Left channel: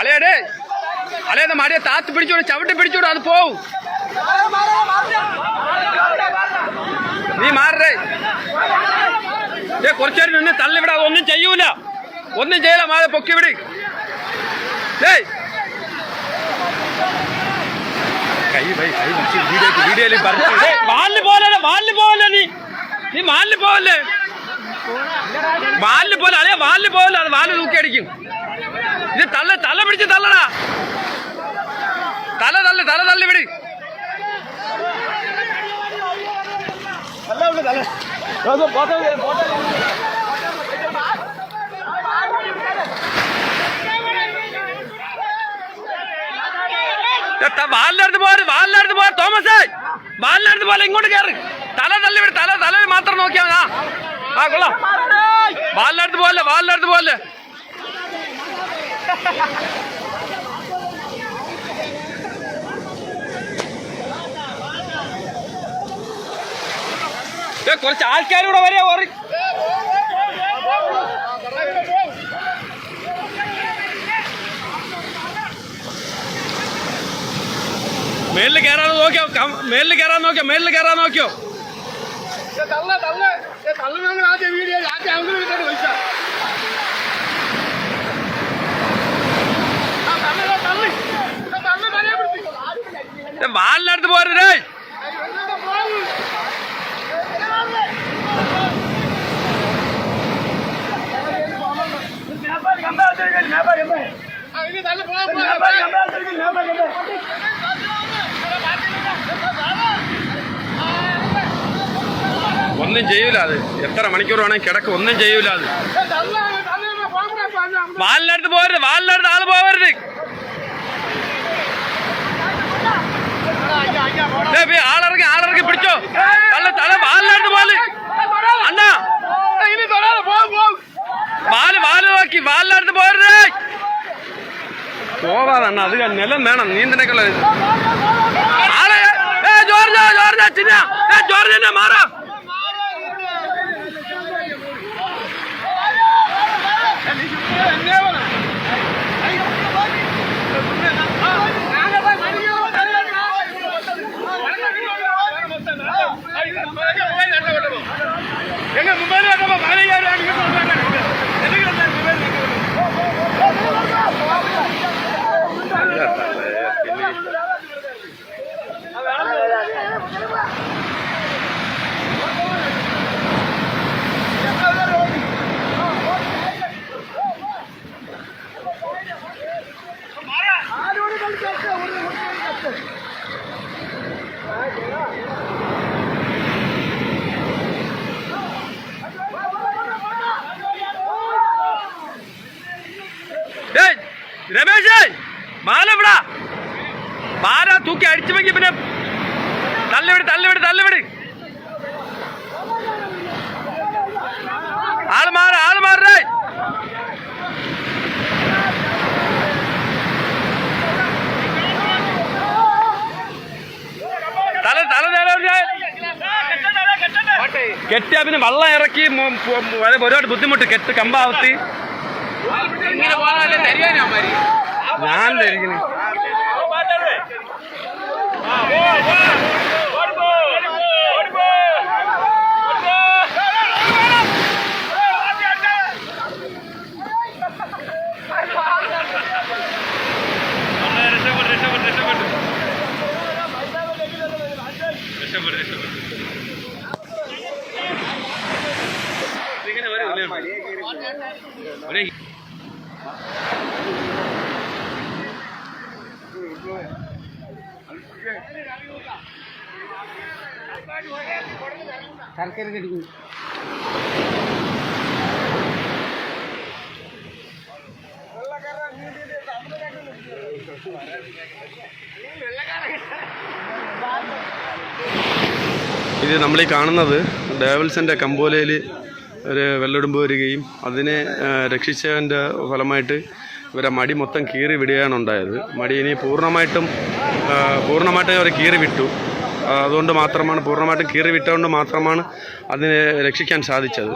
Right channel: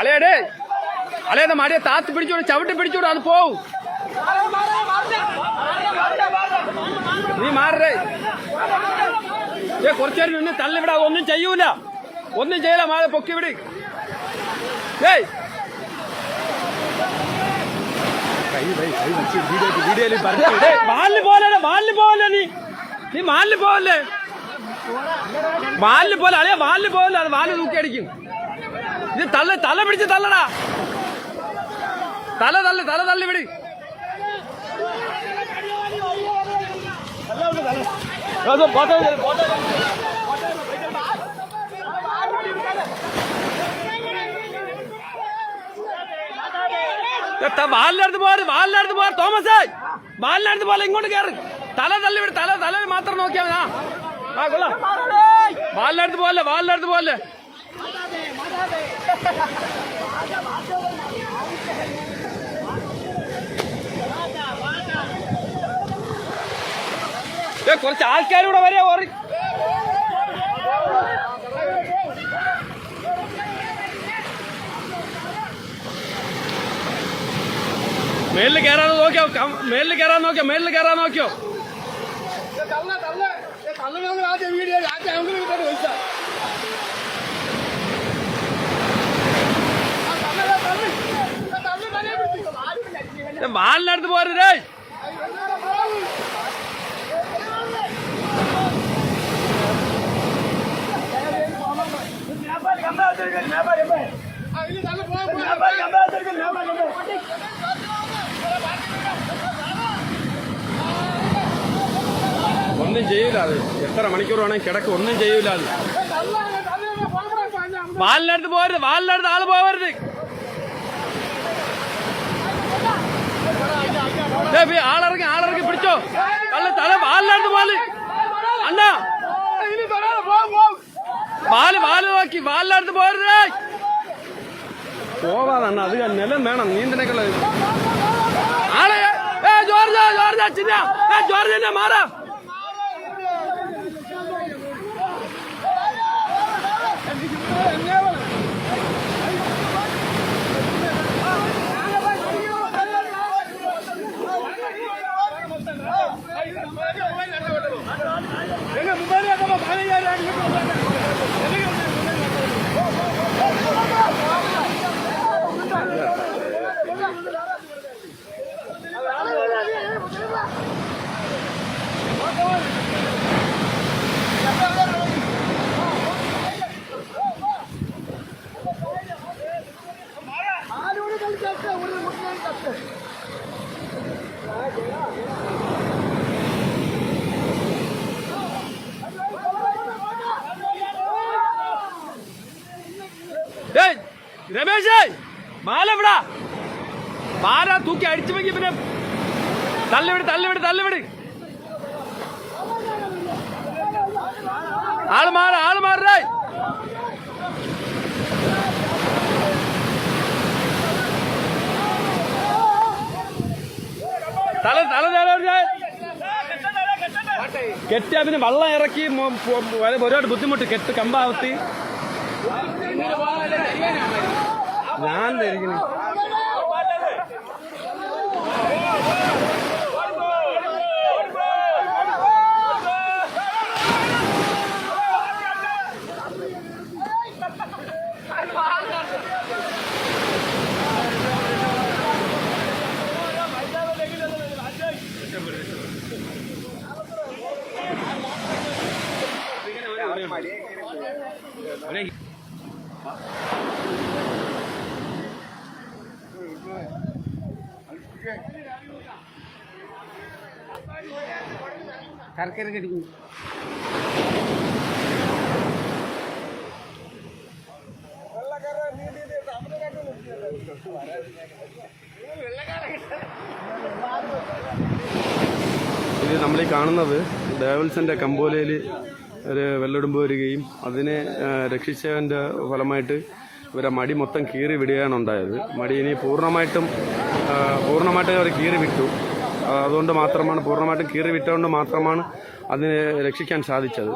അലേ അലേന്ന് മടിയെ താത്ത് പിടിച്ചോട് ചവിട്ടി പിടിച്ചോട് അത് പോവും. നീ മാറേ കുറച്ചേരം നിന്ന് തള്ളിവിടാ. ഒന്നും ചെയ്യൂല, ഒന്നും ചെയ്യല. മാതെ പൊക്കി വിട്. കൈ വീഡിയോയിൽ മാലിന് പോലെ നീ മാലിന് പോലെ അല്ലേ മാലിന് പോലെ. അത് വാല് തൂക്കി അടിക്കും. ഇത് തല പിടിച്ച് തള്ളടാ. തല തള്ളി വിട്. വാലിനടുത്ത് പോ തോമസേ. വാലിനടുത്ത് പോലെ ഇങ്ങോട്ട് കയറി. തല തള്ളി വിട്. തല മാത്രം നോക്കിയാ മതി. ആ കൊള്ളാം. വാലിനടുത്ത് പോലെ കുറച്ച് ആൾക്കാരൂടെ വരെ ഓറി. മേളിൽ കയറാൻ നോക്കിയോ. വാലിനടുത്ത് പോരേ. ഒന്നും ചെയ്യൂല. അത് എത്ര മണിക്കൂർ വേണമെങ്കിൽ കിടക്കും. ഒന്നും ചെയ്യൂല. അത് വാലിനടുത്ത് പോരുത്. ആള് പോവരുത്. ആളിറങ്ങി പിടിച്ചോ. തല വാലിനടുത്ത് പോലെ അണ്ണാ. വാല് നോക്കി വാലിനടുത്ത് പോരുത്. പോവാതണ്ണ. അത് നിലം വേണം നീന്തനൊക്കെയുള്ള. ആളെ ജോർജ് മാറാ. രമേശേ മാല വിടാ. മാല തൂക്കി അടിച്ചു വെക്കി. പിന്നെ തള്ളിവിട്. ആള് മാറേ. കെട്ടിയാ പിന്നെ വെള്ളം ഇറക്കി ഒരുപാട് ബുദ്ധിമുട്ട്. കെട്ട് കമ്പാവത്തി ഞാൻ ധരിക്കുന്നു. ശർക്കര കടിക്കും. ഇത് നമ്മളീ കാണുന്നത് ഡേവൽസിൻ്റെ കമ്പോലയിൽ ഒരു വെള്ളെടുമ്പ് വരികയും അതിനെ രക്ഷിച്ചതിൻ്റെ ഫലമായിട്ട് ഇവരെ മടി മൊത്തം കീറി വിടുകയാണ് ഉണ്ടായത്. മടി ഇനി പൂർണ്ണമായിട്ടും അവർ കീറി വിട്ടു. അതുകൊണ്ട് മാത്രമാണ് പൂർണ്ണമായിട്ടും കീറി വിട്ടുകൊണ്ട് മാത്രമാണ് അതിനെ രക്ഷിക്കാൻ സാധിച്ചത്.